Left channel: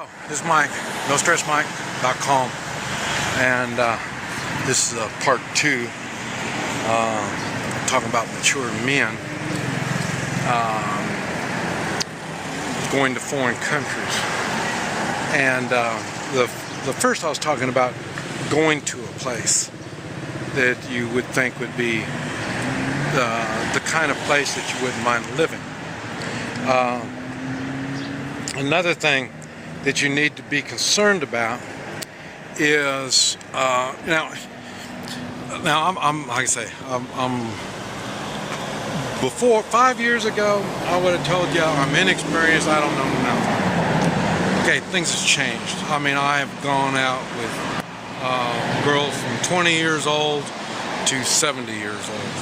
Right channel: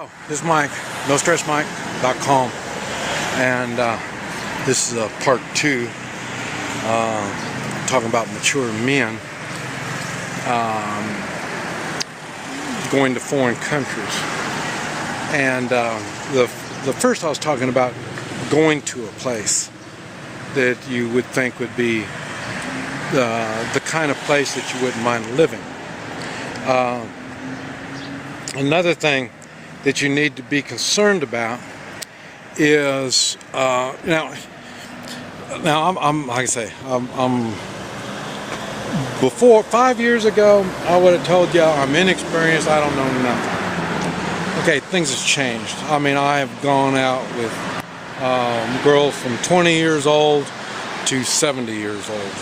This is Mike, NoStressMike.com, and this is part 2, talking about mature men going to foreign countries. And the first I was talking about going to a place that you would think would be the kind of place that you wouldn't mind living. Another thing that you need to be concerned about is now I'm like I say, before 5 years ago I would have told you I'm inexperienced, I don't know nothing. Okay, things have changed. I mean, I have gone out with girls from 20 years old to 70 years old,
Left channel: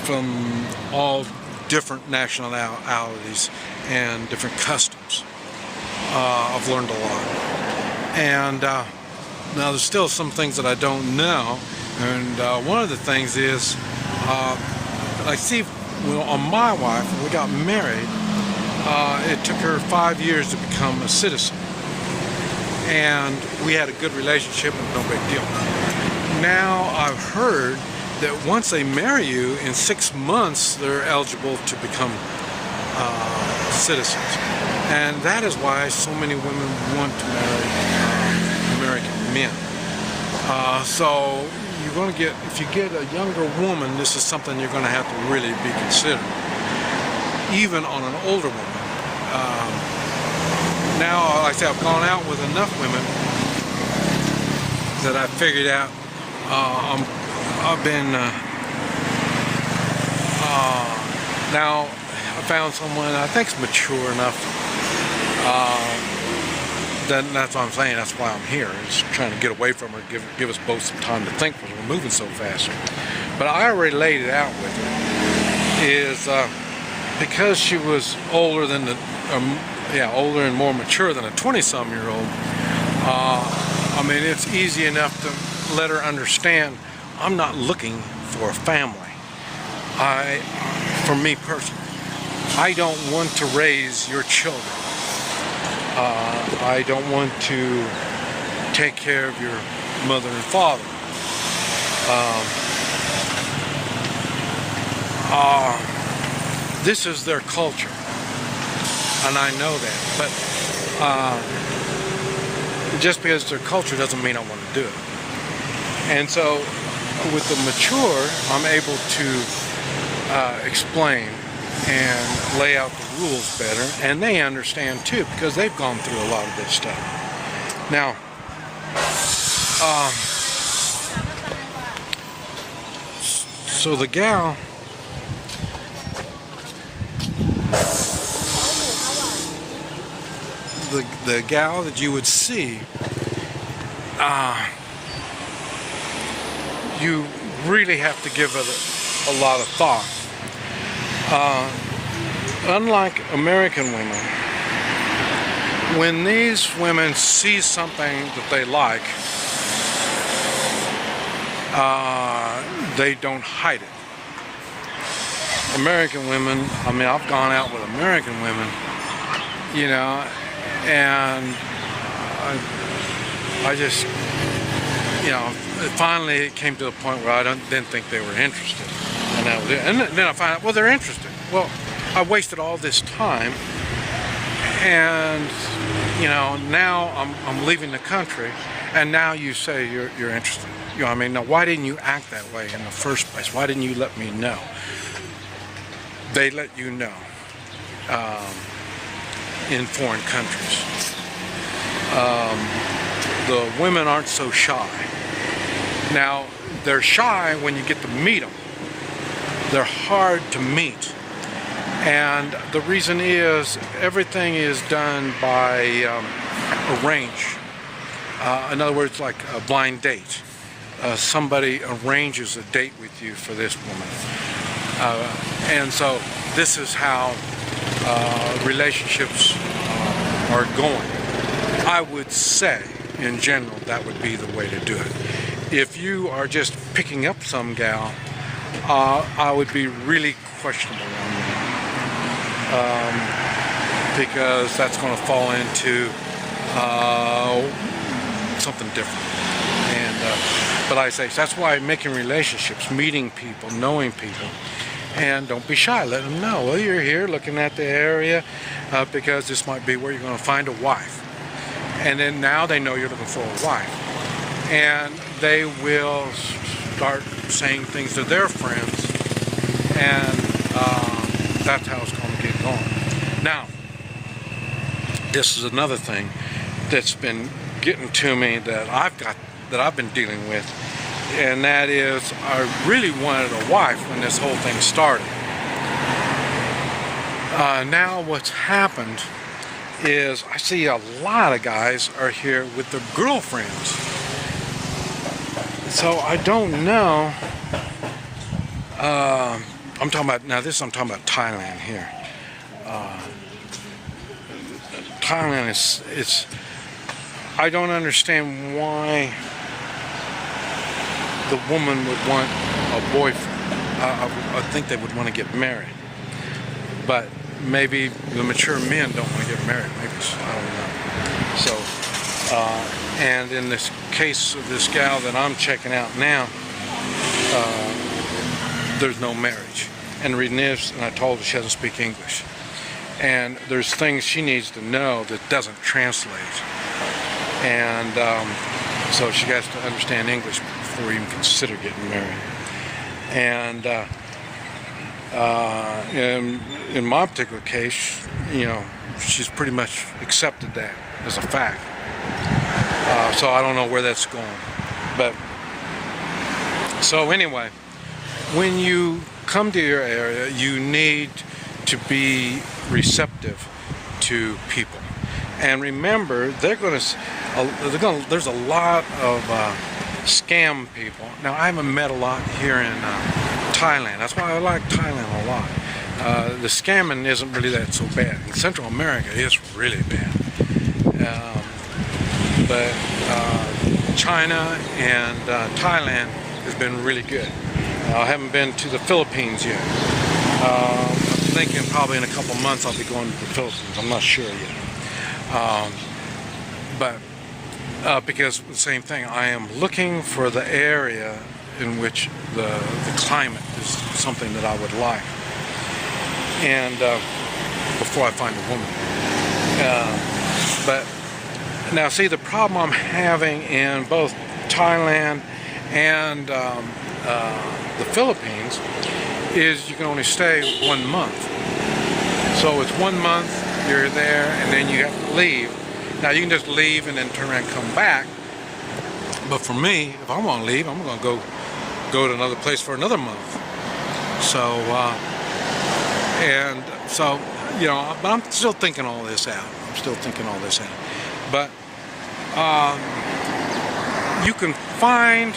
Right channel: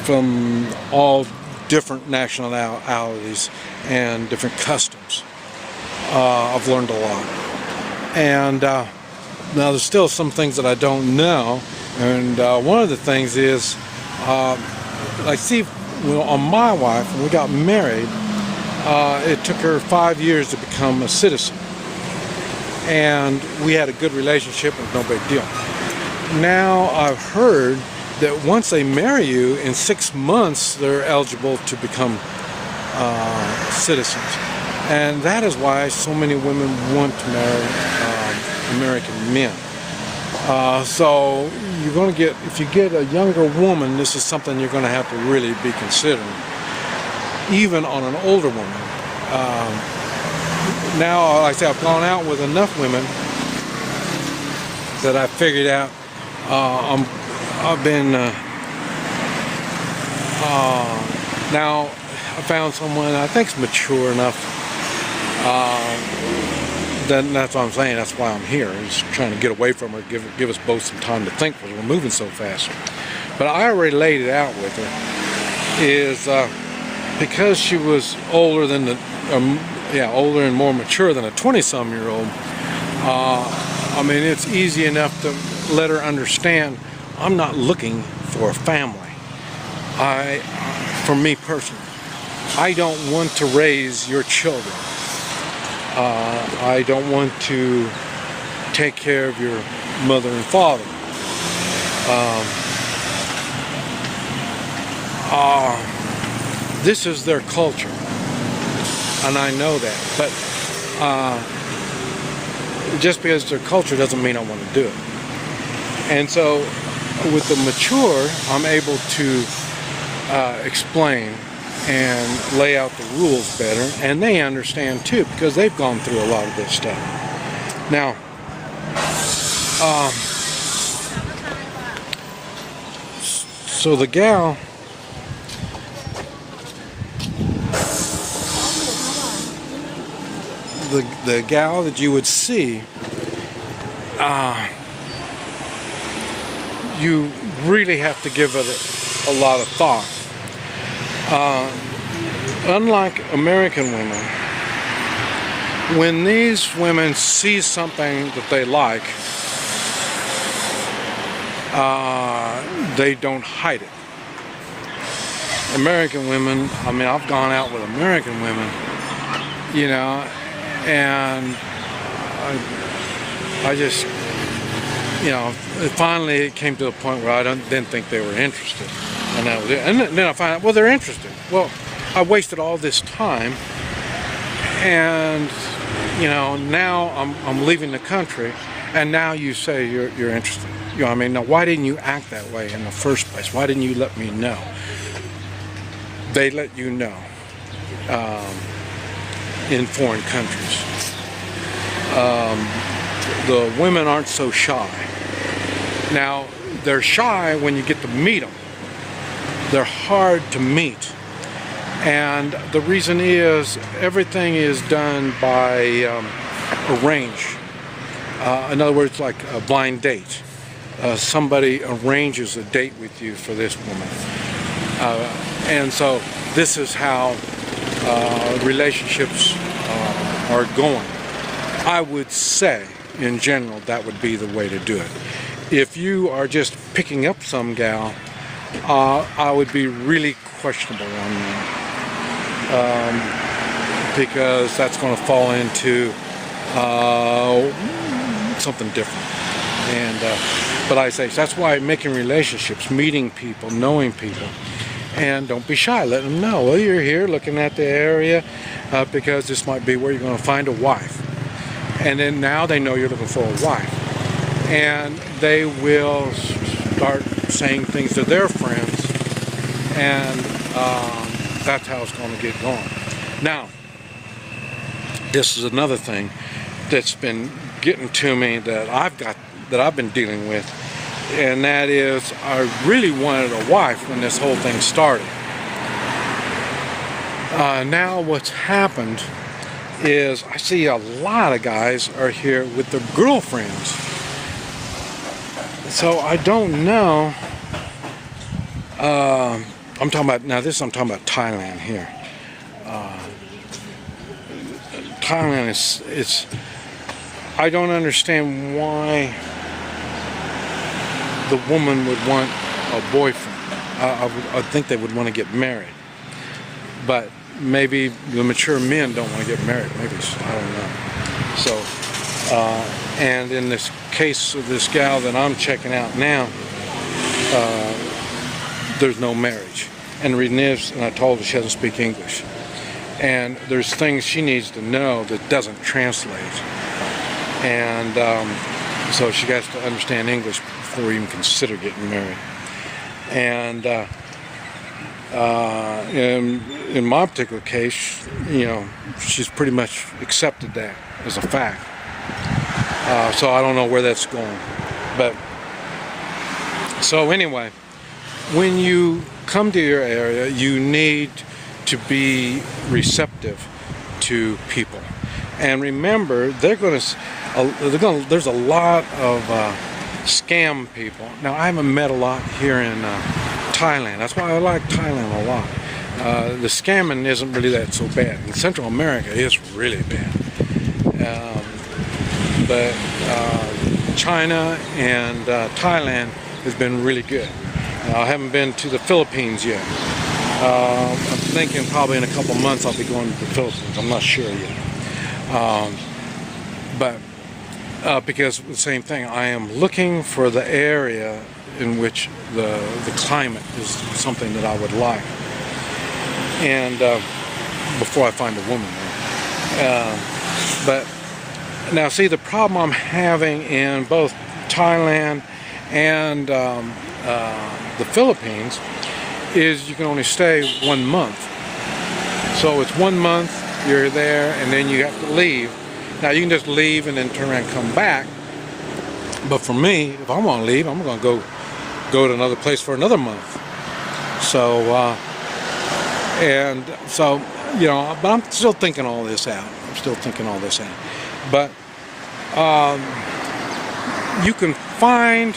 from all different nationalities and different customs. I've learned a lot, and now there's still some things that I don't know, and one of the things is I see on my wife, when we got married, it took her 5 years to become a citizen, and we had a good relationship and no big deal. Now I've heard that once they marry you, in 6 months they're eligible to become citizens. And that is why so many women want to marry American men. So you're going to get, if you get a younger woman, this is something you're going to have to really be considering, even on an older woman. Now, like I said, I've gone out with enough women that I've figured out I've been now I found someone I think's mature enough. That's what I'm saying. That's why I'm here. I'm just trying to get away from her, give us both some time to think, because we're moving so fast. But I already laid it out with her. Is because she was older than older and more mature than a 20-some-year-old. I mean, it's easy enough to let her understand I'm not looking for a family. For me personally, I don't want to raise your children. I don't want to take care of your mother and father. This is their culture, and I know that. But just because it's their culture doesn't mean I want to do it. And so, with the mature, I'm able to explain and lay out the rules better, and they understand too, because they've gone through a lot of this stuff. Now, so the gal, the gal that you would see, you really have to give it a lot of thought. Unlike American women, when these women see something that they like, they don't hide it. American women, I mean, I've gone out with American women, and I just, finally it came to a point where I didn't think they were interested. And that was it. And then I find out, well, they're interested. Well, I wasted all this time, and now I'm leaving the country, and now you say you're interested. I mean, now why didn't you act that way in the first place? Why didn't you let me know? They let you know in foreign countries. The women aren't so shy. Now, they're shy when you get to meet them. They're hard to meet, and the reason is everything is done by arrange. In other words, like a blind date. Somebody arranges a date with you for this woman, and so this is how relationships are going. I would say, in general, that would be the way to do it. If you are just picking up some gal, I would be really questionable on that. because that's going to fall into something different. And but I say that's why making relationships, meeting people, knowing people, and don't be shy. Let them know. Well, you're here looking at the area because this might be where you're going to find a wife. And then now they know you're looking for a wife, and they will start saying things to their friends, and that's how it's going to get going. Now, this is another thing that's been getting to me that I've been dealing with, and that is I really wanted a wife when this whole thing started. Now what's happened is I see a lot of guys are here with their girlfriends. So I don't know. I'm talking about Thailand here. Thailand is I don't understand why the woman would want a boyfriend. I think they would want to get married, but maybe the mature men don't want to get married. Maybe, I don't know. So, and in this case of this gal that I'm checking out now, there's no marriage. And the reason is, and I told her she doesn't speak English. And there's things she needs to know that doesn't translate. And so she has to understand English before even consider getting married. And in my particular case, she's pretty much accepted that as a fact. So I don't know where that's going. But so anyway, when you come to your area, you need to be receptive to people. And remember, there's a lot of scam people. Now, I haven't met a lot here in Thailand. That's why I like Thailand a lot. The scamming isn't really that so bad. In Central America, it's really bad. But China and Thailand has been really good. I haven't been to the Philippines yet. I'm thinking probably in a couple months I'll be going to the Philippines. I'm not sure yet. But because the same thing, I am looking for the area in which the climate is something that I would like. And before I find a woman. But now, see, the problem I'm having in both Thailand and the Philippines is you can only stay 1 month. So it's 1 month, you're there, and then you have to leave. Now, you can just leave and then turn around and come back. But for me, if I want to leave, I'm going to go to another place for another month. So, but I'm still thinking all this out. But you can find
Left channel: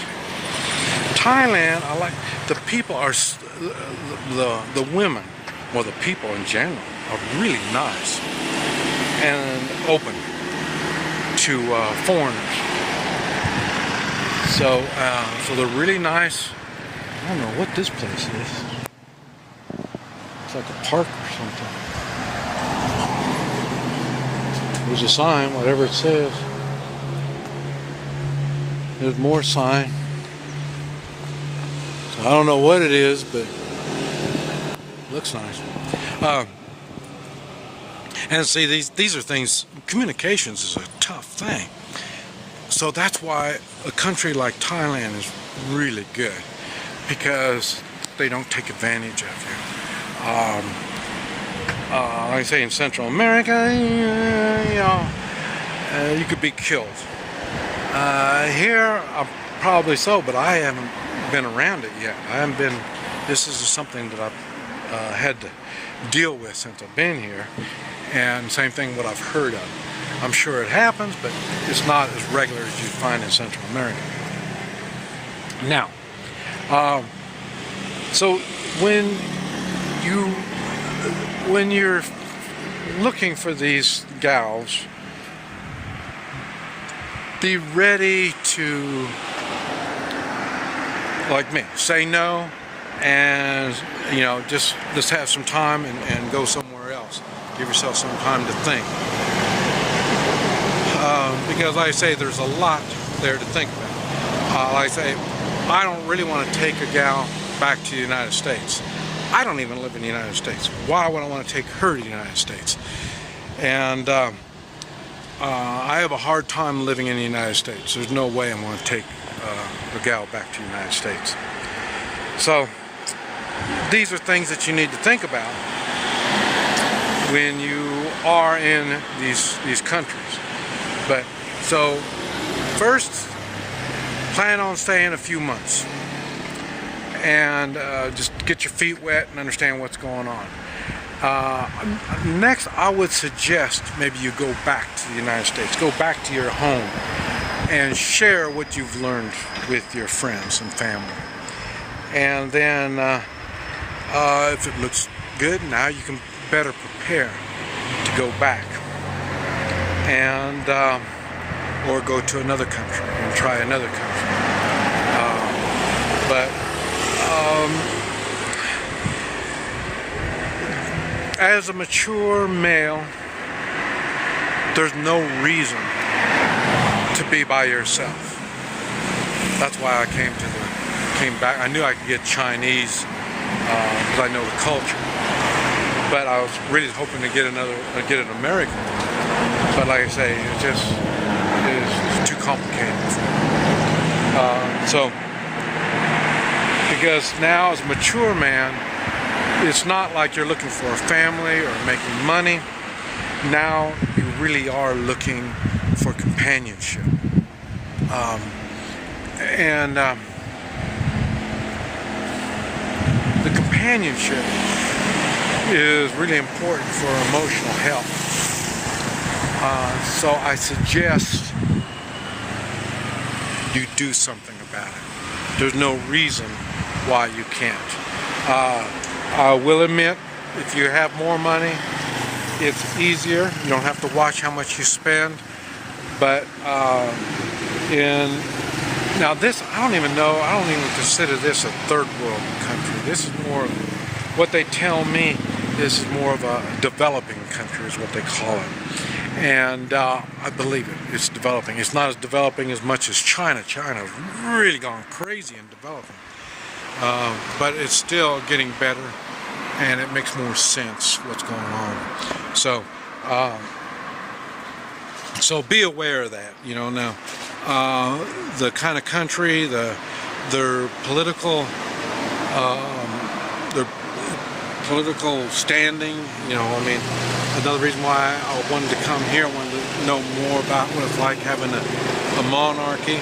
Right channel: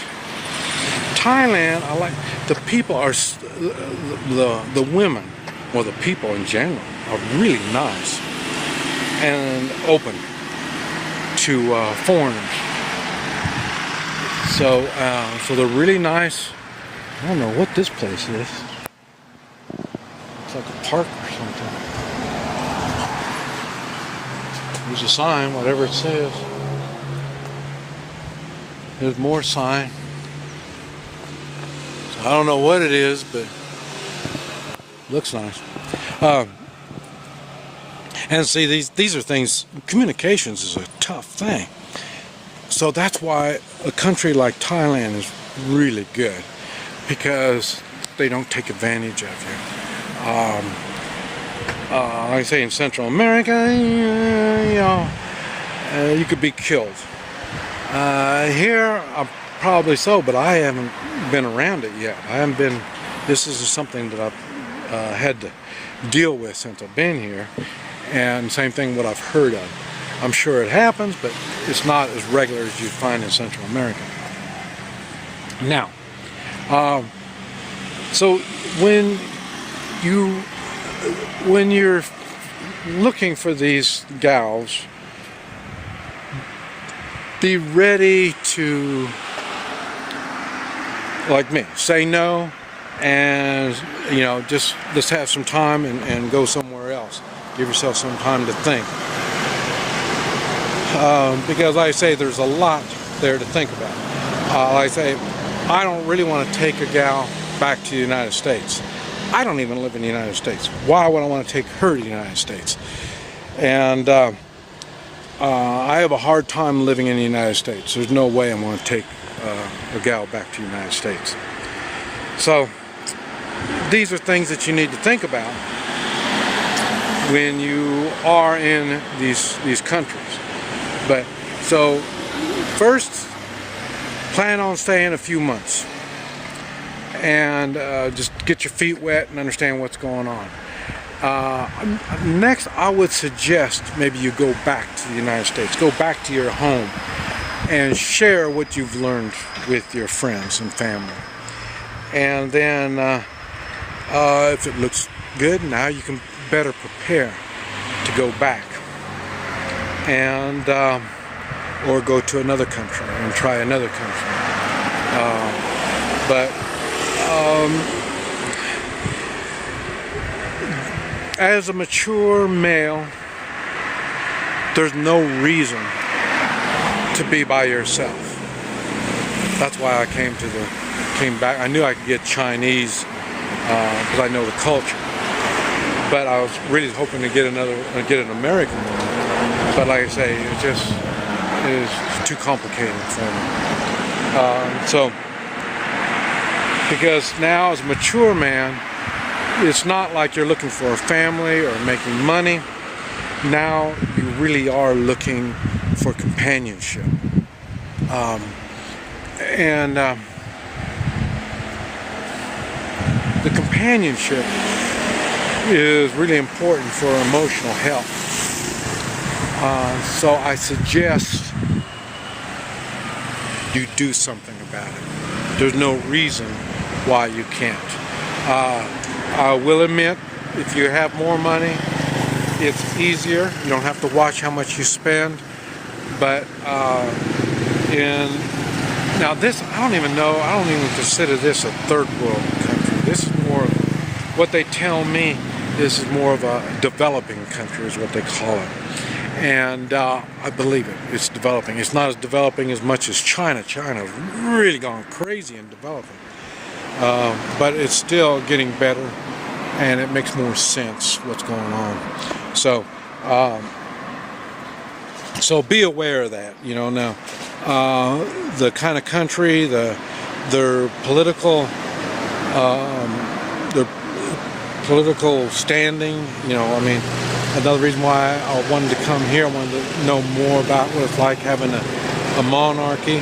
Thailand. I like the people are the women, or the people in general, are really nice and open to foreigners. So they're really nice. I don't know what this place is. It's like a park or something. There's a sign, whatever it says. There's more sign. So I don't know what it is, but it looks nice. And see, these are things, communications is a tough thing. So that's why a country like Thailand is really good, because they don't take advantage of you. Like I say, in Central America, you could be killed. Here, probably so, but I haven't been around it yet. This is something that I've had to deal with since I've been here, and same thing what I've heard of. I'm sure it happens, but it's not as regular as you find in Central America. Now, so when you're looking for these gals, be ready to, like me, say no, and just have some time and go somewhere else. Give yourself some time to think. Because like I say, there's a lot there to think about. Like I say, I don't really want to take a gal back to the United States. I don't even live in the United States. Why would I want to take her to the United States? And I have a hard time living in the United States. There's no way I'm going to take a gal back to the United States. So these are things that you need to think about when you are in these countries. But so first, plan on staying a few months and just get your feet wet and understand what's going on. Next, I would suggest maybe you go back to the United States, go back to your home and share what you've learned with your friends and family. And then if it looks good, now you can better prepare to go back and or go to another country and try another country. As a mature male, there's no reason to be by yourself. That's why I came back. I knew I could get Chinese because I know the culture, but I was really hoping to get an American one. But like I say, it is too complicated for me. Because now as a mature man, it's not like you're looking for a family or making money. Now you really are looking for companionship. The companionship is really important for emotional health. So I suggest you do something about it. There's no reason why you can't. I will admit, if you have more money, it's easier. You don't have to watch how much you spend. But now this, I don't even consider this a third world country. This is more, what they tell me, this is more of a developing country is what they call it. And I believe it. It's developing. It's not as developing as much as China. China's really gone crazy in developing. But it's still getting better, and it makes more sense what's going on. So be aware of that. Now the kind of country, their political standing. Another reason why I wanted to come here, I wanted to know more about what it's like having a monarchy.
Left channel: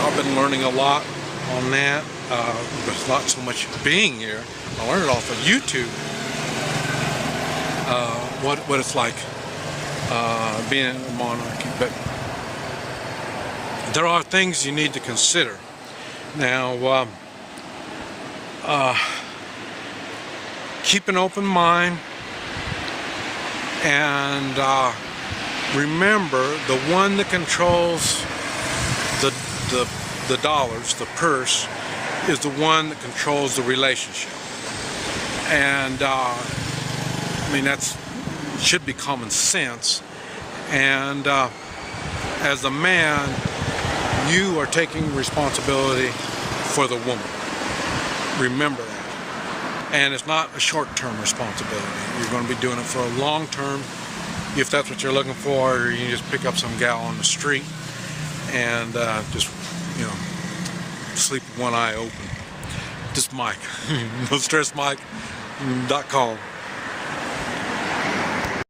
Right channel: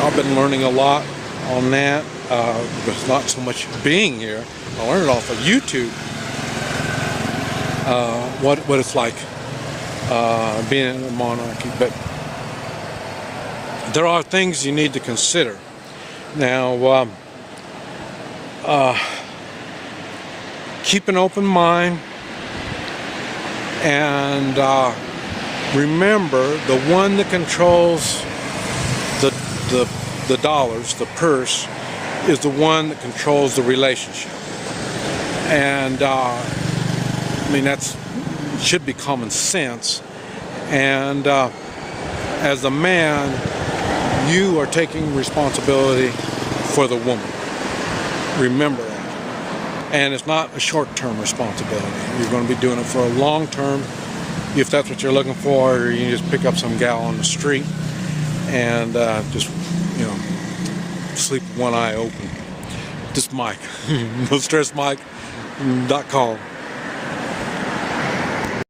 I've been learning a lot on that, but not so much being here. I learned it off of YouTube, what it's like being in a monarchy. But there are things you need to consider. Now, keep an open mind. And remember, the one that controls the dollars, the purse, is the one that controls the relationship. And that should be common sense. And as a man, you are taking responsibility for the woman. Remember that. And it's not a short-term responsibility. You're going to be doing it for a long-term. If that's what you're looking for, or you just pick up some gal on the street and just sleep with one eye open. This is Mike. NoStressMike.com.